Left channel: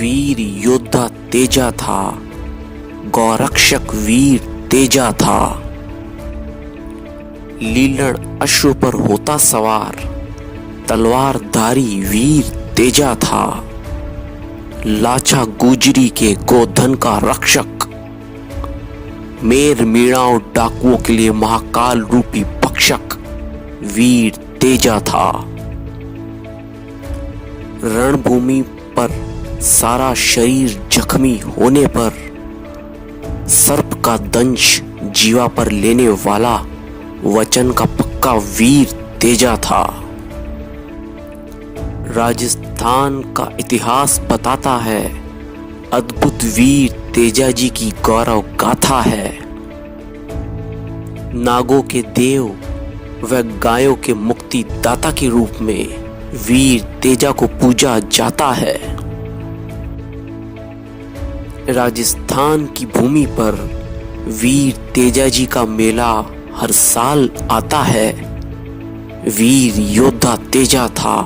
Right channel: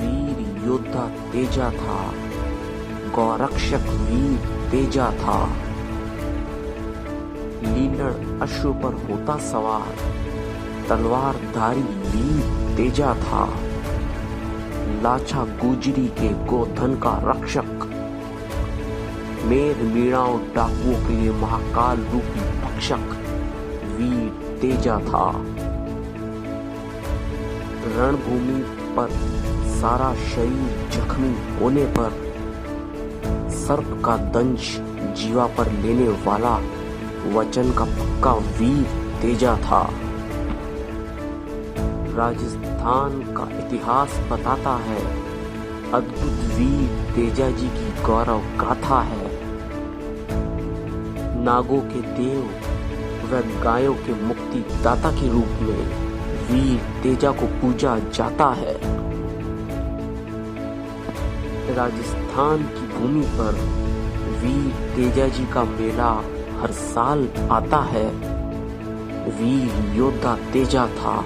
वीर योद्धा तेजा था, गौरक्षक वीर तेजा था। लीलण अश्व पर होता सवार, तलवारधारी वीर तेजा था। लाचा गुजरी के गोधन का रक्षक, मेर मीणाओं डाकुओं के लिए महाकाल रूपी भक्षक वीर तेजा था। रणभूमि पर सारा शरीर जख्मी होने पर सर्प का दंश जीवा पर लेने वाला वचन का पक्का वीर तेजा था। राजस्थान का इतिहास बताता है, अद्भुत वीर तेजा जी की गौरव गाथा है। नागों के देव व गायों के मुक्ति दाता के रूप में वीर तेजा को पूजा जाता है। राजस्थान की भूमि पर वीर तेजा जी का मेला हर साल आता है। वीर योद्धा तेजा था,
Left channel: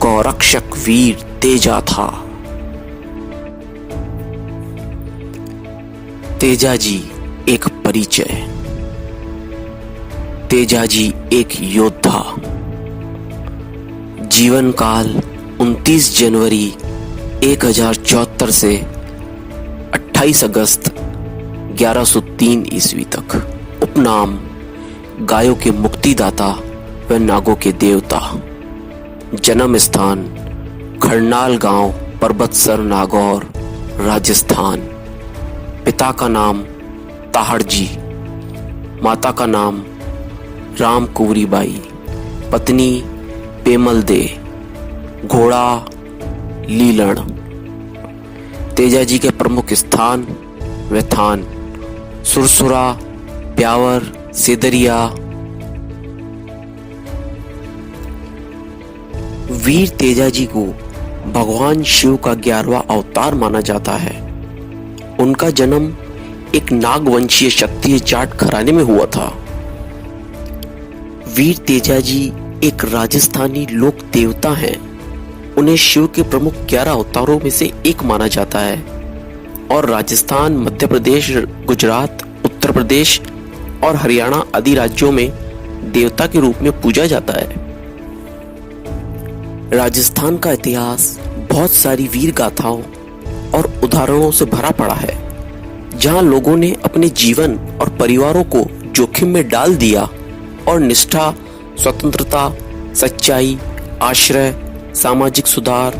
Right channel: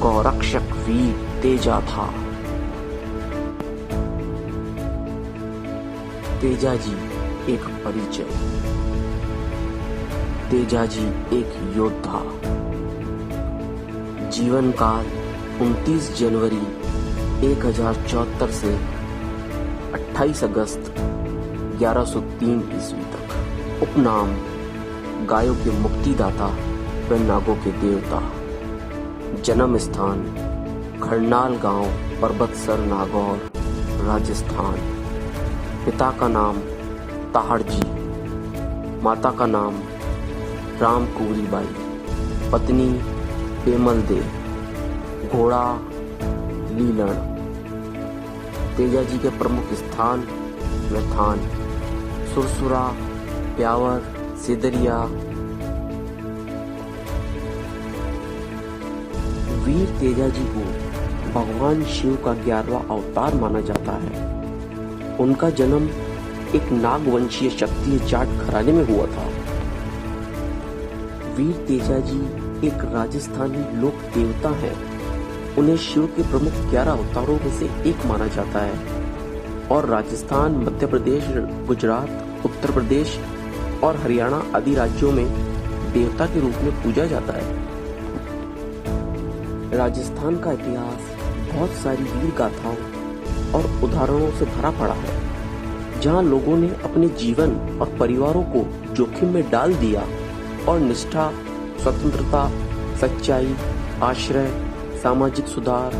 गौरक्षक वीर तेजा था। तेजा जी एक परिचय। तेजा जी एक योद्धा। जीवन काल 29 जनवरी 1074 से 28 अगस्त 1103 ईस्वी तक। उपनाम गायों के मुक्तिदाता व नागों के देवता। जन्म स्थान खरनाल गांव, पर्वतसर, नागौर, राजस्थान। पिता का नाम ताहड़ जी, माता का नाम राम कुंवरी बाई, पत्नी पेमल दे, घोड़ा लीलण। तेजा जी के प्रमुख स्थान व थान सुरसुरा, प्यावर, सेदरिया। वीर तेजा जी को भगवान शिव का 11वां अवतार माना जाता है। उनका जन्म एक नागवंशीय क्षत्रिय जाट घराने में हुआ था। वीर तेजा जी एक राजस्थानी लोक देवता हैं। उन्हें शिव के प्रमुख 11 अवतारों में से एक माना जाता है और राजस्थान, मध्य प्रदेश, गुजरात, उत्तर प्रदेश और हरियाणा आदि राज्यों में देवता के रूप में पूजा जाता है। राजस्थान का इतिहास बहुत सारी वीर गाथाओं और उदाहरणों से भरा पड़ा है, जहां लोगों ने अपने जीवन और परिवारों को जोखिम में डाल दिया और निष्ठा, स्वतंत्रता, सच्चाई, आश्रय, सामाजिक सुधार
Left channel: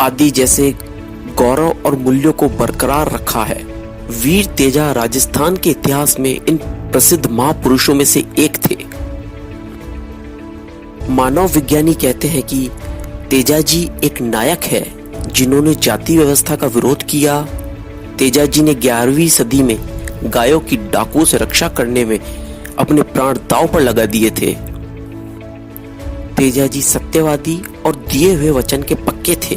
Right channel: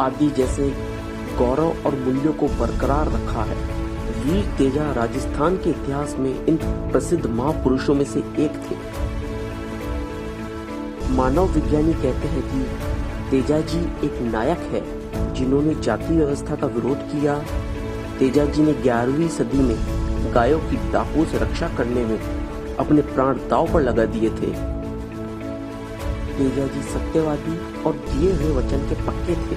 आदि जैसे गौरव और मूल्यों को बरकरार रखा है। वीर तेजा राजस्थान के इतिहास में इन प्रसिद्ध महापुरुषों में से एक थे। मानव विज्ञानी कहते हैं कि तेजा जी एक नायक है जिन्होंने जाति व्यवस्था का विरोध किया। तेजा जी ने 11वीं सदी में गायों की डाकुओं से रक्षा करने में अपने प्राण दांव पर लगा दिए थे। तेजा जी सत्यवादी और दिए हुए वचन के पक्के थे।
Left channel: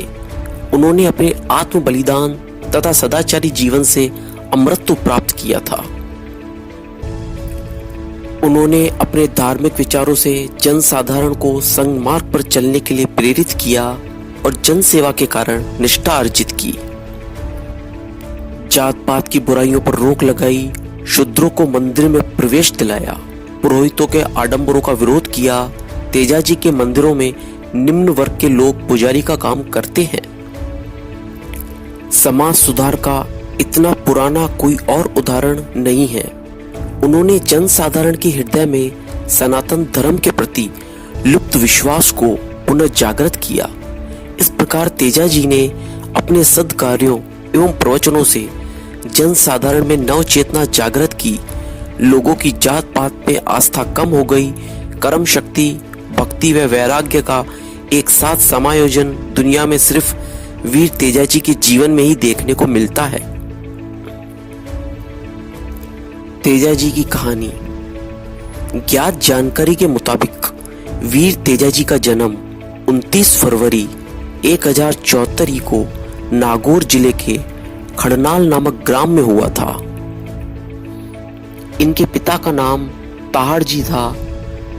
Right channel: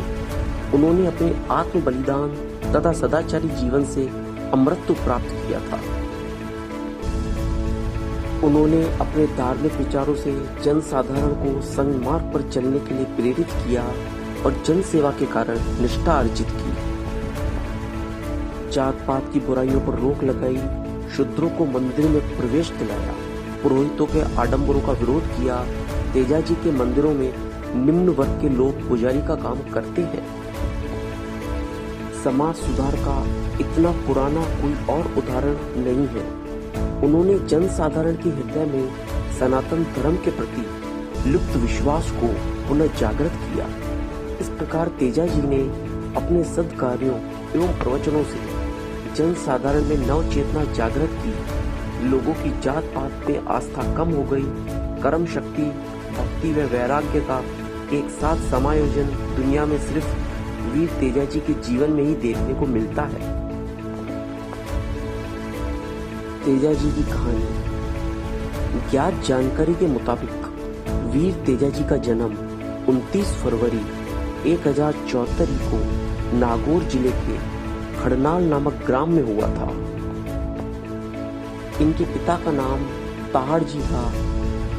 उन्होंने अपने आत्म बलिदान तथा सदाचारी जीवन से अमरत्व प्राप्त किया था। उन्होंने अपने धार्मिक विचारों से जनसाधारण को सन्मार्ग पर चलने के लिए प्रेरित किया और जन सेवा के कारण निष्ठा अर्जित की। जात पात की बुराइयों पर रोक लगाई, शूद्रों को मंदिर में प्रवेश दिलाया, पुरोहितों के आडंबरों का विरोध किया। तेजा जी के मंदिरों में निम्न वर्ग के लोग पुजारी का काम करते हैं। समाज सुधार का इतना पुराना कोई और उदाहरण नहीं है। उन्होंने जनसाधारण के हृदय में सनातन धर्म के प्रति लुप्त विश्वास को पुनः जागृत किया। इस प्रकार तेजा जी ने अपने सद्कार्यों एवं प्रवचनों से जनसाधारण में नव चेतना जागृत की। लोगों की जात पात पे आस्था कम हो गई। कर्म शक्ति, भक्ति व वैराग्य का एक साथ समायोजन दुनिया में सिर्फ वीर तेजा जी के जीवन में ही देखने को मिलता है। तेजा जी की कहानी। ज्ञात जानकारी के मुताबिक वीर तेजा जी का जन्म 29 फरवरी 1074 को नागौर जिले के खड़नाल नामक ग्राम में हुआ था। इनके पिता का नाम ताहड़ जी था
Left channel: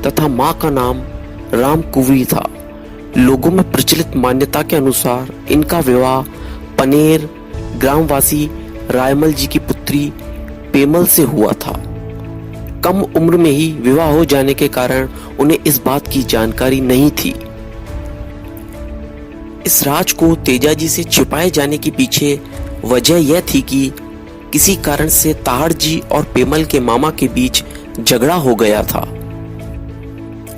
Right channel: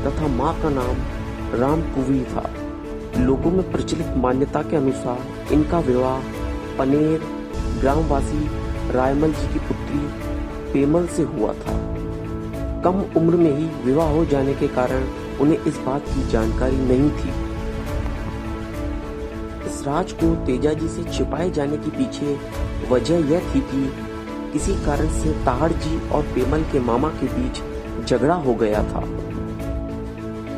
तथा मां का नाम राम कुंवरी था। लोगों में प्रचलित मान्यता के अनुसार इनका विवाह पनेर ग्रामवासी रायमल जी की पुत्री पेमल से हुआ था। कम उम्र में ही विवाह हो जाने के कारण उन्हें इस बात की जानकारी नहीं थी। इस राज को तेजाजी से छिपाए जाने के पीछे वजह यह थी कि किसी कारण से ताहड़ जी और पेमल के मामा के बीच झगड़ा हो गया था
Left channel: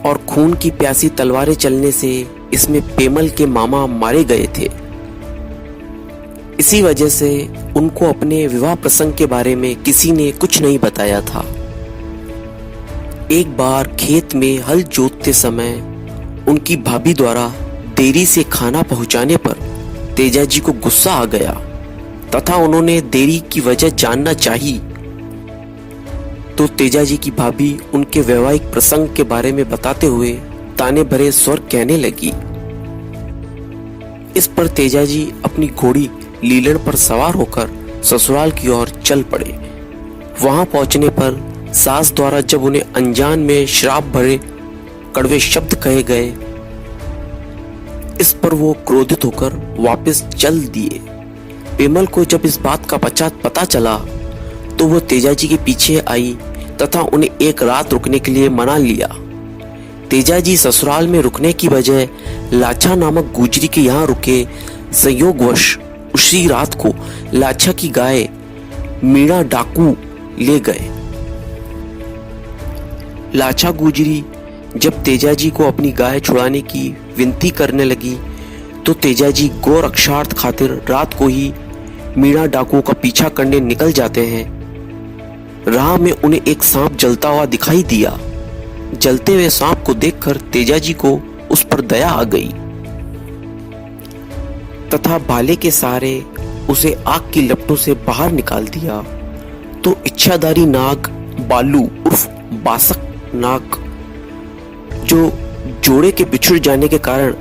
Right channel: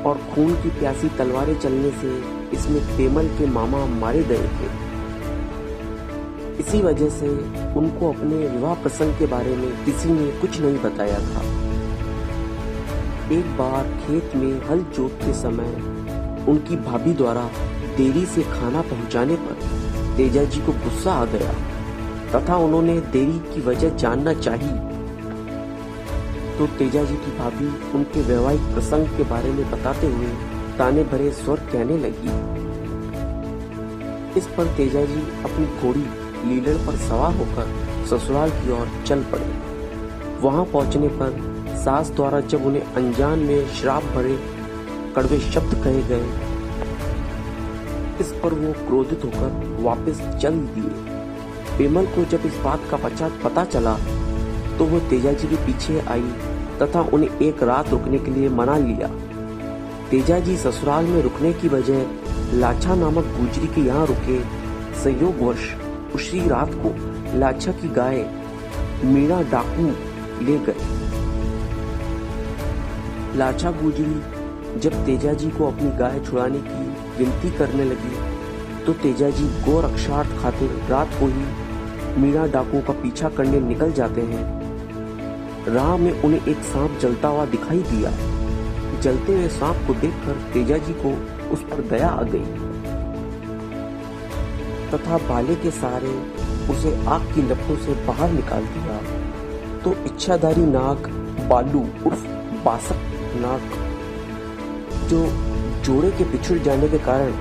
और खून की प्यासी तलवारें चलने से इसमें पेमल के मामा मारे गए थे। इसी वजह से उनको अपने विवाह प्रसंग के बारे में किसी ने कुछ नहीं बताया था। एक बार खेत में हल जोतते समय उनकी भाभी द्वारा देरी से खाना पहुंचाने पर तेजाजी को गुस्सा आ गया तथा उन्होंने देरी की वजह जानना चाही। तो तेजाजी की भाभी उनके वैवाहिक प्रसंग के बारे में बताते हुए ताने भरे स्वर कहने लगी। इस पर तेजाजी अपनी घोड़ी लीलन पर सवार होकर ससुराल की ओर चल पड़े। वहां पहुंचने पर सास द्वारा जब उन्हें अनजान में श्राप भरे कड़वे शब्द कहे गए, इस पर वो क्रोधित होकर वापस चल दिए। पेमल को जब इस बात का पता चला तो वो तेजाजी के पीछे आई तथा उन्हें एक रात रुकने के लिए मना लिया। तेजाजी ससुराल में रुकने की बजाय लाछा नामक गुजरी के यहाँ रुके। संयोगवश उसी रात को लाछा की गाय मीणा डाकू ले गए। लाछा गुजरी जब तेजाजी को अपनी गाय छुड़ाने की विनती करने लगी तो तेजाजी गौ रक्षार्थ खातिर रात को ही मीणा डाकू का पीछा करने निकल जाते हैं। राह में उन्हें एक सांप जलता हुआ दिखाई दिया। जलते हुए सांप को देखकर तेजाजी को उस पर दया आ गई तथा भाले के सहारे उसे आग की लपटों से बाहर निकाल दिया। तो इच्छाधारी नाग बालू उर्फ बासक नाग, जो जोड़े के बिछुड़ जाने के कारण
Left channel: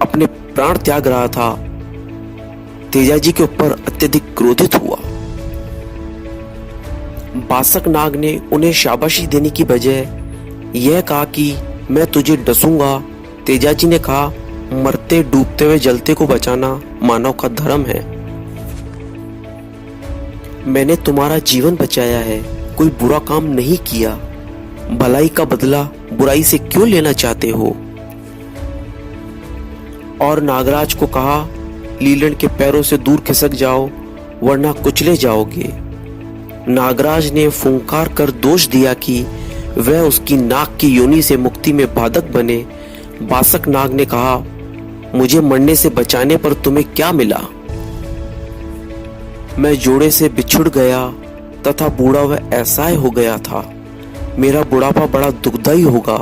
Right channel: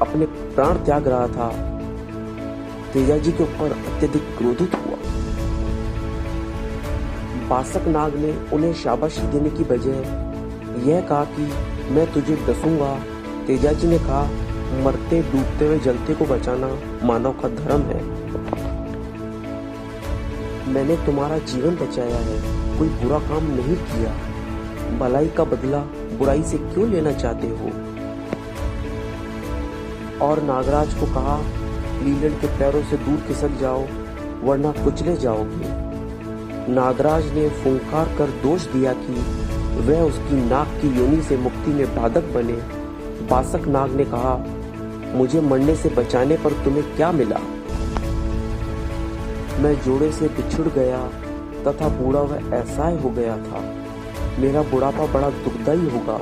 अपने प्राण त्याग रहा था, तेजाजी के ऊपर अत्यधिक क्रोधित हुआ। बासक नाग ने उन्हें शाबाशी देने की बजाय यह कहा कि मैं तुझे डसूंगा। तेजाजी ने कहा, मरते डूबते हुए जलते को बचाना मानव का धर्म है। मैंने तुम्हारा जीवन बचाया है, कोई बुरा काम नहीं किया। भलाई का बदला बुराई से क्यों लेना चाहते हो? और नागराज को कहा, लीलन के पैरों से दूर खिसक जाओ वरना कुचले जाओगे। नागराज ने फुंकार कर दोष दिया कि वह उसकी नाक की योनि से मुक्ति में बाधक बने। बासक नाग ने कहा, मुझे मरने से बचाने पर तुम्हें क्या मिला? मैं जोड़े से बिछुड़ गया तथा बूढ़ा वह असहाय हो गया था। मेरा बुढ़ापा बड़ा दुखदायी होगा।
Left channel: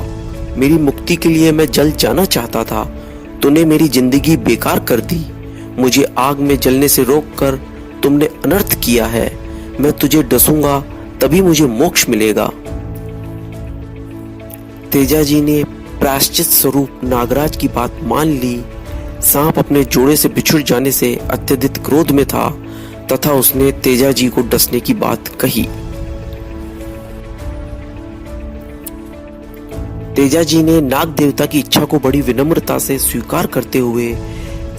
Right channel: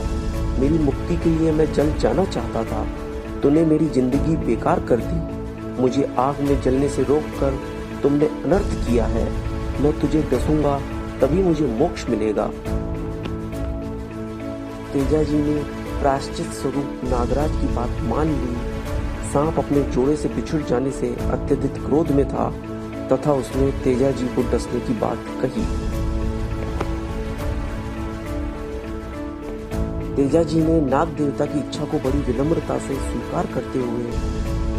मेरी मुक्ति के लिए मैं जल जाना चाहता था, तूने मेरी जिंदगी बेकार कर दी। मुझे आग में जलने से रोककर तुमने अनर्थ किया है। मैं तुझे डसूंगा तभी मुझे मोक्ष मिलेगा। तेजाजी ने प्रायश्चित स्वरूप नागराज की बात मान ली। सांप अपने जोड़े से बिछुड़ जाने से अत्यधिक क्रोध में था तथा उसने तेजाजी को डसने की बात कही। तेजाजी ने नाग देवता की इच्छा को बड़ी विनम्रता से स्वीकार करते हुए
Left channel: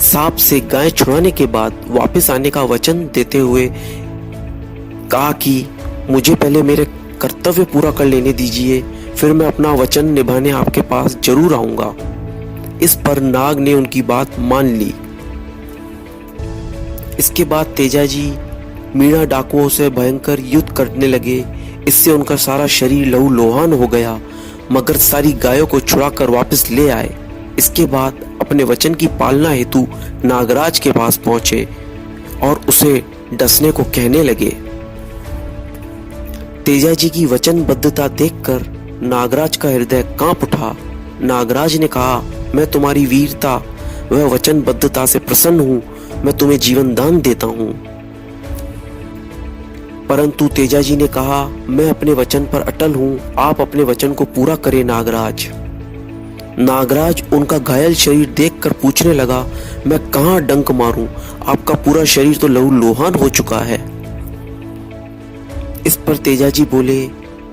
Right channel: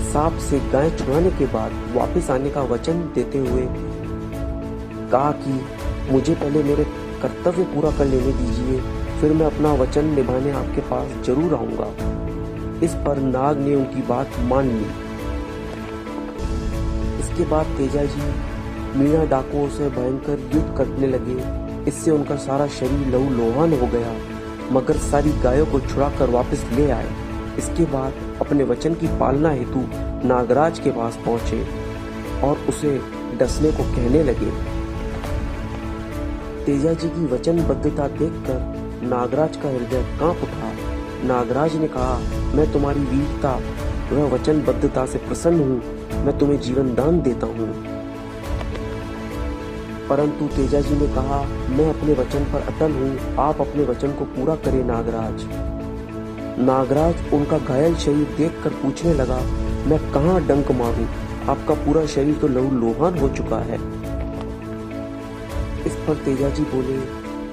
सांप से गाय छुड़ाने के बाद वापस आने का वचन देते हुए कहा कि मुझे पहले मेरे कर्तव्य पूरा कर लेने दीजिए, फिर मैं अपना वचन निभाने आपके पास जरूर आऊंगा। इस पर नाग ने उनकी बात मान ली। इसके बाद तेजाजी मीणा डाकुओं से भयंकर युद्ध करने लगे। इससे उनका सारा शरीर लहूलुहान हो गया, मगर सारी गायों को छुड़ाकर वापस ले आए। इसके बाद अपने वचन की पालना हेतु नागराज के पास पहुंचे और उसे डसने को कहने लगे। तेजाजी की वचनबद्धता देखकर नागराज का हृदय कांप उठा। नागराज ने कहा, मैं तुम्हारी वीरता व वचनबद्धता से प्रसन्न हूं, मैं तुम्हें जीवन दान देता हूं। परंतु तेजाजी ने कहा, मैं अपने वचन पर अटल हूं, आप अपने वचन को पूरा करें नागराज। नागराज उनका घायल शरीर देखकर पूछने लगा, मैं कहां डंक मारूं? आपका पूरा शरीर तो लहूलुहान हो चुका है। इस पर तेजाजी बोले,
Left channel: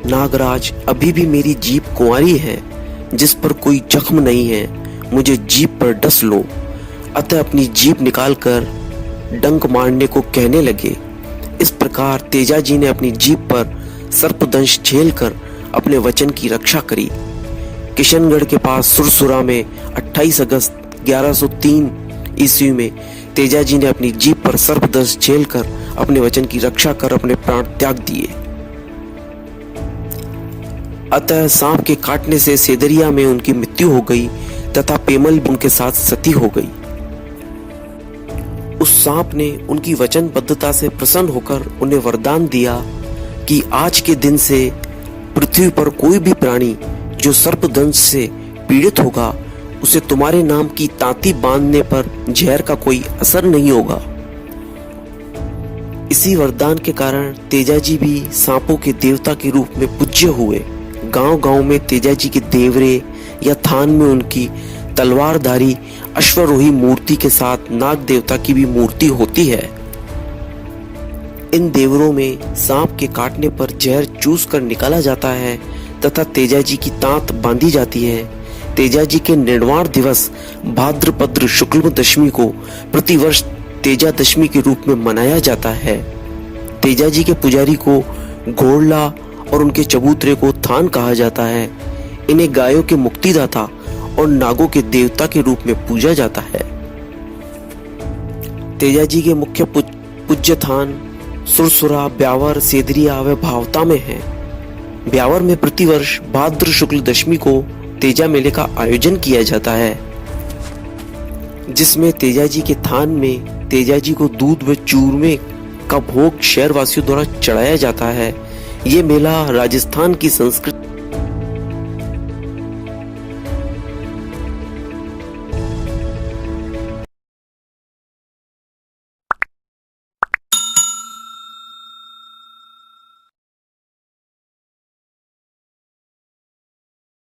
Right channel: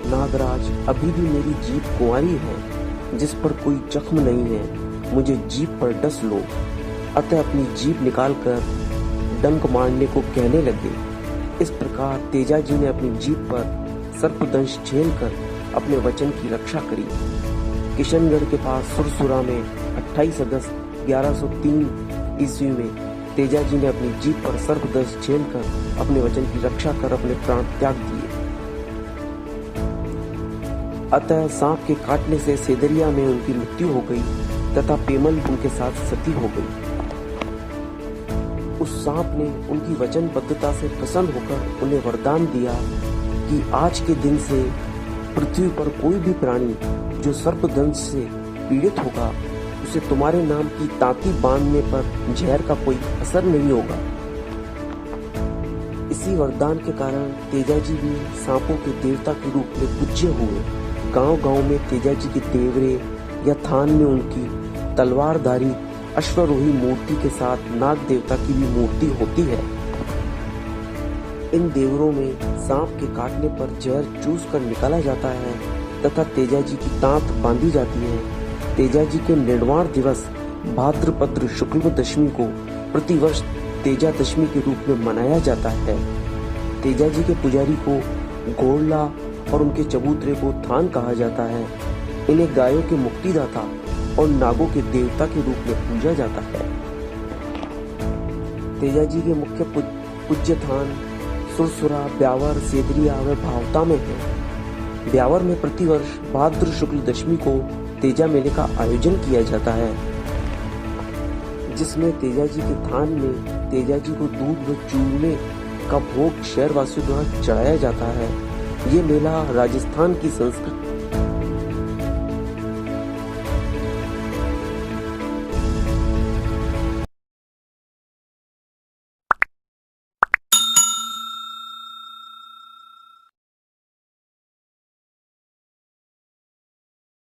नागराज अभी भी मेरी जीभ कुंवारी है जिस पर कोई जख्म नहीं है। मुझे जीभ पर डस लो। अतः अपनी जीभ निकालकर डंक मारने को कहने लगे। इस प्रकार तेजाजी ने अपनी जीभ पर सर्पदंश झेलकर अपने वचन की रक्षा करी। किशनगढ़ के पास सुरसुरा में 28 अगस्त 1103 ईस्वी में तेजाजी ने अपनी जीभ पर सर्पदंश झेलकर अपने वचन की रक्षा कर अपने प्राण त्याग दिए। अतः सांप के काटने से सेदरिया में उनकी मृत्यु हो गई तथा पेमल उनके साथ सती हो गई। उस सांप ने उनकी वचनबद्धता से प्रसन्न होकर उन्हें वरदान दिया कि आज के दिन से पृथ्वी पर कोई भी प्राणी जो सर्पदंश से पीड़ित होगा उसे तुम्हारे नाम की तांती बांधने पर जहर का कोई असर नहीं होगा। इसी वरदान के कारण तेजाजी भी सांपों के देवता के रूप में पूज्य हुए। गांव-गांव में तेजाजी के देवरे या थान में उनकी तलवारधारी अश्वरोही मूर्ति के साथ नाग देवता की भी मूर्ति होती है। इन देवरों में सांप के काटने पर जहर चूस कर निकाला जाता है तथा तेजाजी की तांत बांधी जाती है। तेजाजी के निर्वाण दिवस भाद्रपद शुक्ल दशमी को प्रतिवर्ष तेजा दशमी के रूप में मनाया जाता है। तेजाजी के पुजारी को घोड़ला और उनके चबूतरे को थान कहा जाता है। इन्हें गायों के मुक्तिदाता और नागों के देवता के रूप में पूजा जाता है। तेजाजी के मुख्य पूज्य थान सुरसुरा, ब्यावर, सेदरिया व भावता में है। ब्यावर में प्रतिवर्ष भाद्र शुक्ल दशमी को तेजा मेले का आयोजन किया जाता है, जिसमें तेजाजी के थान में तेजाजी को दूध व चूरमे का भोग शहरवासियों द्वारा चढ़ाया जाता है। ये मेला राजस्थान की संस्कृति